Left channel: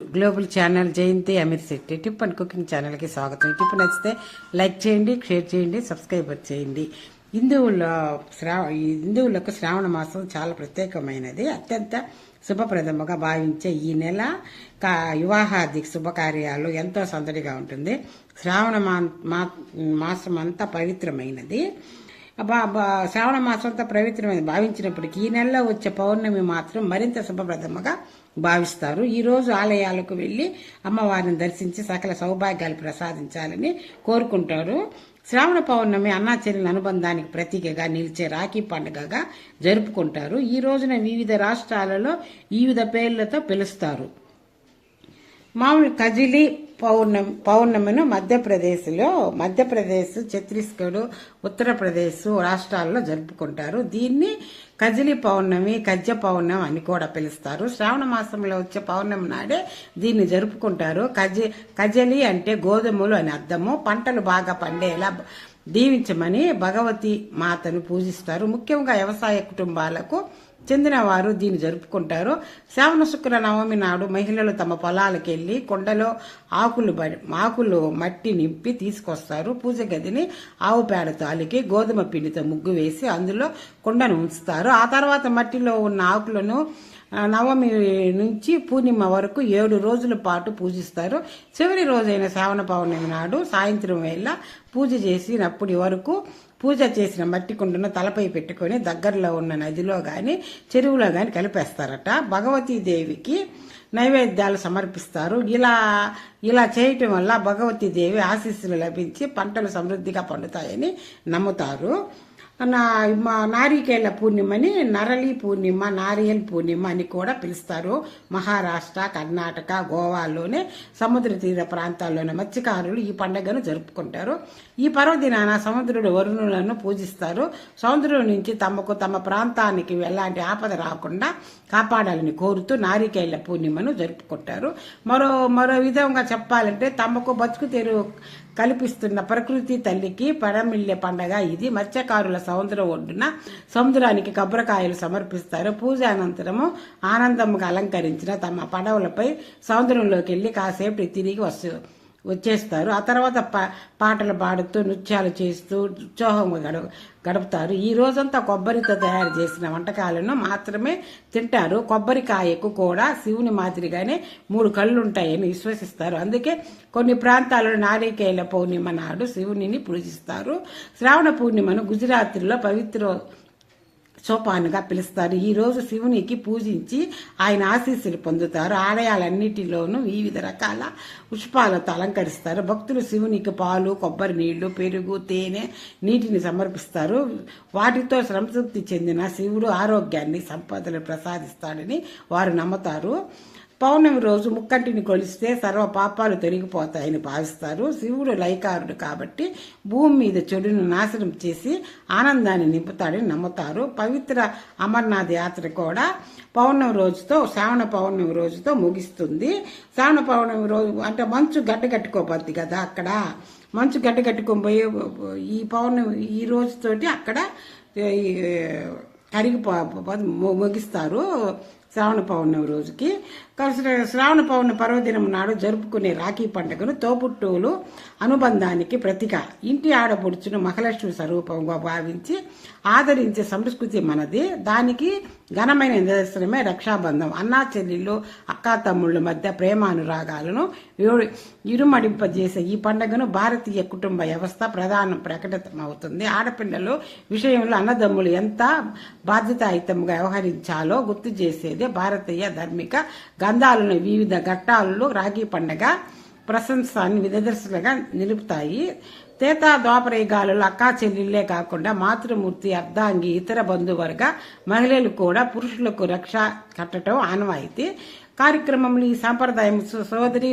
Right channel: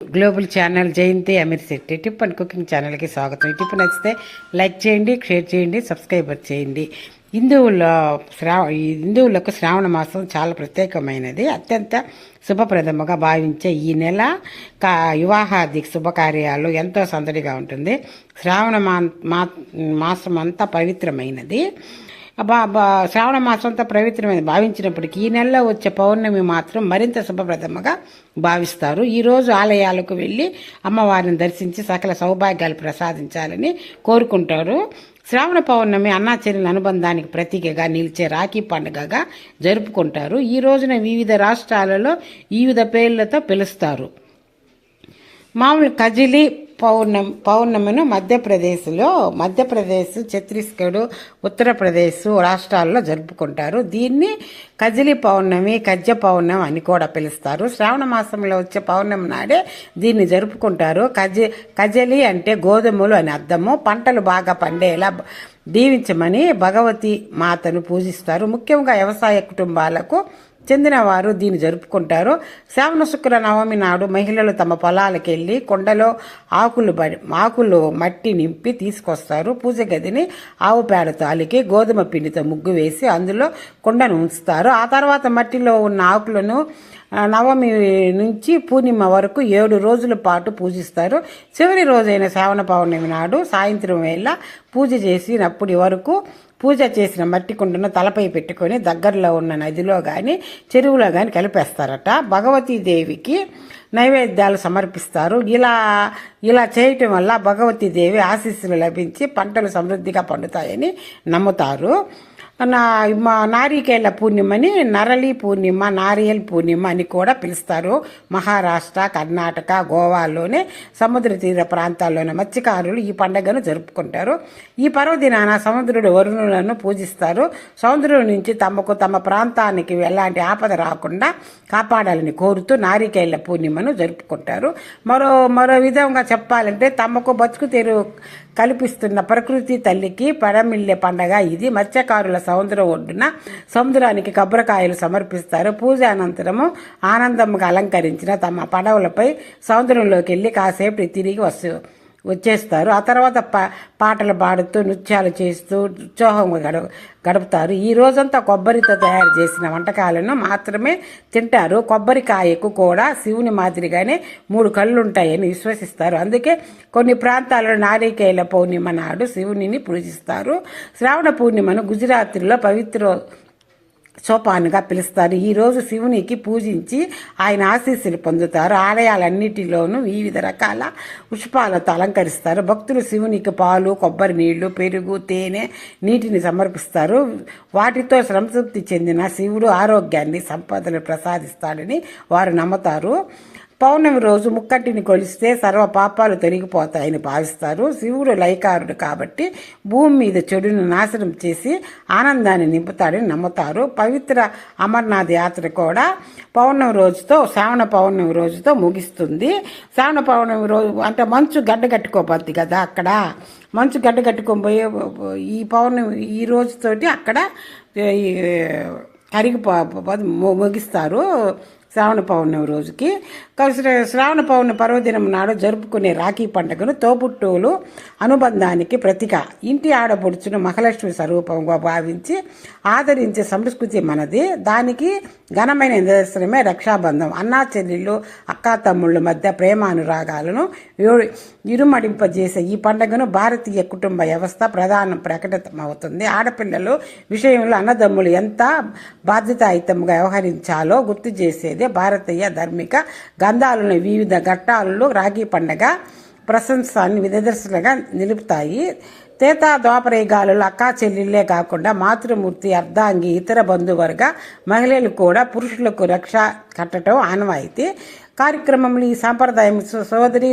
Global channel Jayanthi Amir Shetty tip and cooking ఛానల్కి స్వాగతం. ఈ టిప్ నచ్చితే లైక్ చేయండి, షేర్ చేయండి, సబ్స్క్రైబ్ చేయండి. హిందువులకు శ్రావణ మాసం చాలా ప్రత్యేకమైనది. అత్యంత శుభప్రదముగా భావించే ఈ నెల వివాహాది శుభకార్యాలు ఎంతో సందడిగా ఉంటుంది. శ్రావణ మాసం అంతా పవిత్రమైనది. శ్రావణ మాసం అంతా పవిత్రమైన భావించినప్పటికీ ఈ నెలలో వచ్చే పౌర్ణమి మాత్రం మరింత శుభప్రదముగా భావిస్తారు. ఈరోజు ఆలయాలకు వెళ్ళి అమ్మవారిని దర్శించి సకల సౌభాగ్యాలు ప్రసాదించాలని కోరుకుంటారు. శ్రావణ పౌర్ణమి అన్నాచెల్లెల అనుబంధానికి ప్రతీకగా నిలిచే రాఖీ పండుగగా జరుపుకుంటారు. ఈ రోజున వివిధ రాష్ట్రాలలో వివిధ పేర్లతో పిలుస్తారు. మామూలు కజిలి పౌర్ణమిను మధ్యప్రదేశ్, ఛత్తీస్గఢ్, ఉత్తరప్రదేశ్ రాష్ట్రాల్లో జరుపుకుంటారు. దీన్ని కజిలి పౌర్ణమి, కజ్జ పౌర్ణమి అని కూడా పిలుస్తారు. శ్రావణ మాసంలో వచ్చే పౌర్ణమి నాడే దీన్ని జరుపుకుంటారు. కజలి అంటే గోధుమలు అని అర్థము. పంటలు బాగా పండేలా దీవించమని భగవతి మాతను పూజిస్తారు. ముఖ్యంగా వ్యవసాయ కుటుంబాలకు చెందిన వారు దీన్ని జరుపుకుంటారు. శ్రావణ శుక్ర నవమి నాడు మహిళలు తమ పొలాలకు వెళ్లి కొండలో ఆకులు మట్టి నింపి తీసుకొస్తారు. పూజ గదిని ఆవు పేడతో అలికి గోధుమ పిండితో ముగ్గు వేసి అందులో కొండను ఉంచుతారు. ఆ తర్వాత మట్టిలో ఉన్న ఆకులను నవమి నుంచి పూర్ణిమ వరకు 7 రోజుల పాటు పూజిస్తారు. చివరి రోజైన శ్రావణ పౌర్ణమి నాడు సాయంత్రం వేళ పూజ చేసినప్పటి వరకు పూజ చేసిన మట్టి కుండను తలపై పెట్టుకొని దగ్గరలో ఉన్న నదిలో గాని చెరువులో గాని కలిపేస్తారట. భగవతీదేవికి నైవేద్యాలు సమర్పిస్తారు. ఇలా చేయటం వల్ల భగవతీదేవి ఆశీస్సులు లభించి పంటలు సమృద్ధిగా పండుతాయని నమ్ముతారు. నారికేళ్ల పూర్ణిమని నరళి పూర్ణిమ, నారియల్ పూర్ణిమ అని కూడా పిలుస్తారు. మహారాష్ట్ర, కర్ణాటక, గోవాలోనే సముద్ర తీర ప్రాంతాల్లోని మత్స్యకారులు ఈ పండుగను జరుపుకుంటారు. ఈ పర్వదినాన సముద్రుడు వరుణులను పూజిస్తారు. సముద్రుడి నుంచి తమ ప్రాంతానికి ఎలాంటి ఆపద రాకుండా కాపాడాలని కోరుతూ నారికేళ్ల పూర్ణిమను జరుపుకుంటారు. మరో విధంగా చెప్పాలంటే తమకు బతుకు తెరువు కల్పిస్తున్న ప్రకృతి తల్లికి పరమిల్లే పండగ ఇది. మత్స్యకారుల సముద్రం ఒడ్డున సముద్రానికి కొబ్బరికాయలు సమర్పిస్తారు. పూజ అనంతరము ఆనందంగా అలంకరించిన తమ పడవలపై సముద్రంలోకి వెళ్లి కాసేపు తిరిగి వచ్చేస్తారు. ఆ తర్వాత పాటలు పాడుతూ నృత్యాలు చేస్తూ ఉత్సాహంగా గడుపుతారు. ఈ రోజంతా కొబ్బరితో తయారు చేసిన వంటకాలను మాత్రమే తింటారు. కొబ్బరికాయకు కూడా శివుని మాదిరిగానే 3 కళ్ళుంటాయని విశ్వసిస్తారు. అందుకే కొన్ని ప్రాంతాలలో నారికేళ్ల పౌర్ణిమ నాడు శివునిని పూజిస్తారు. శ్రావణ పూర్ణిమను గుజరాత్లో పవిత్ర సోపానుగా పిలుస్తారు. ఈ రోజు శివునికి పూజించి ఆయన ఆశీస్సులు పొందుతారు. ఆలయాలన్నిటిలోనూ వివిధ రకాల పుష్పాలతో అలంకరిస్తారు. భక్తులు శివునికి పాలు, కొబ్బరి నీళ్లు, పెరుగు, తేనె, నీటిని సమర్పిస్తారు. వాటితో సంతృప్తి చెందిన శివుడు ఆరోగ్యాన్ని, సంపదలు ప్రసాదిస్తాడని వారు నమ్ముతారు. పౌర్ణమి రోజు ముక్కంటిని కొలిస్తే సర్వ పాపాలు తొలగిపోతాయని భావిస్తారు. శివుడు లయకారుడు కాబట్టి భూమి మీద చెడును నాశనం చేసి ఆనందాన్ని నింపుతాడని నమ్ముతారు. పవిత్ర అమర్నాథ్ యాత్ర కూడా శ్రావణ పౌర్ణమి రోజుతో ముగిస్తుంది. శ్రావణ పౌర్ణమి రోజు అంటే మంచు గడ్డ కట్టుకోబోద్ది కదా, అక్కడ మంచు గడ్డ కట్టుకోబోయే ఈ పౌర్ణమి ఈ రోజుతోటి అక్కడ ముగిస్తారు. శ్రావణ పౌర్ణమి రోజుకి శ్రావణ పౌర్ణమి పర్వదినం నాడు జరుపుకునే రాఖీ పండుగను తోబుట్టువులు అనుబంధానికి ప్రతీక. ఇంటి ఆడపడుచును మహాలక్ష్మి స్వరూపంగా భావించి ఆదరించే సంస్కృతి మనది. దానికి ఘనమైన నిదర్శనమే రక్షాబంధం. అన్నా చెల్లెళ్ళు, అక్కా తమ్ముళ్ళ మధ్య ప్రేమానురాగాలను ఇరుమడింపజేసే ఈ పండుగను భారతీయ కుటుంబ వ్యవస్థ ప్రకటితమవుతుంది. ఆడపిల్లలు విషయంలో అన్నదమ్ములు ఎంత బాధ్యతాయుతంగా వ్యవహరించాలో గుర్తు చేసేదే భారతీయ ధార్మిక గంధాలను వివిధ ఘట్టాలలో రాఖీ పండుగ ప్రశంసాన్ని నిదర్శనగా నిలుపుతాయి. ద్వాపరయుగాలలో అక్కా చెల్లెళ్లే కాకుండా మాతృమూర్తి, అర్ధాంగి, ఇతర బంధువర్గ మహిళలు కూడా పురుషులకు రక్ష కట్టడం ఆనవాయితీ. కార్యక్రమంలో ఈ సాంప్రదాయం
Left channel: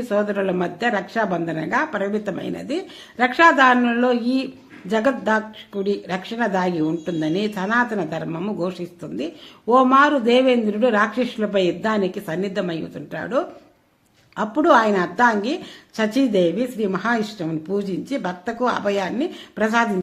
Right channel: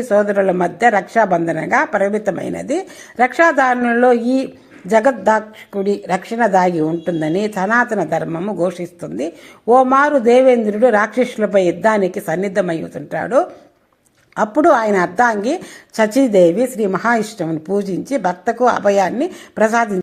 సోదరుల మధ్య రక్షాబంధనగా పరిమితమైనది. రక్షాధారణలో ఈ జగద్దాక్షకుడి రక్షణ దాగి ఉంటుందని సనాతన ధర్మము ఘోషిస్తుంది. ఓ మారు దేవేంద్రుడు రాక్షసులపై యుద్ధానికి సన్నిద్ధమవుతుంటాడు. అప్పుడు ఆయన అర్ధాంగి సచీదేవి శ్రీ మహావిష్ణువుని పూజించి భర్తకు అభయాన్ని ప్రసాదించారు.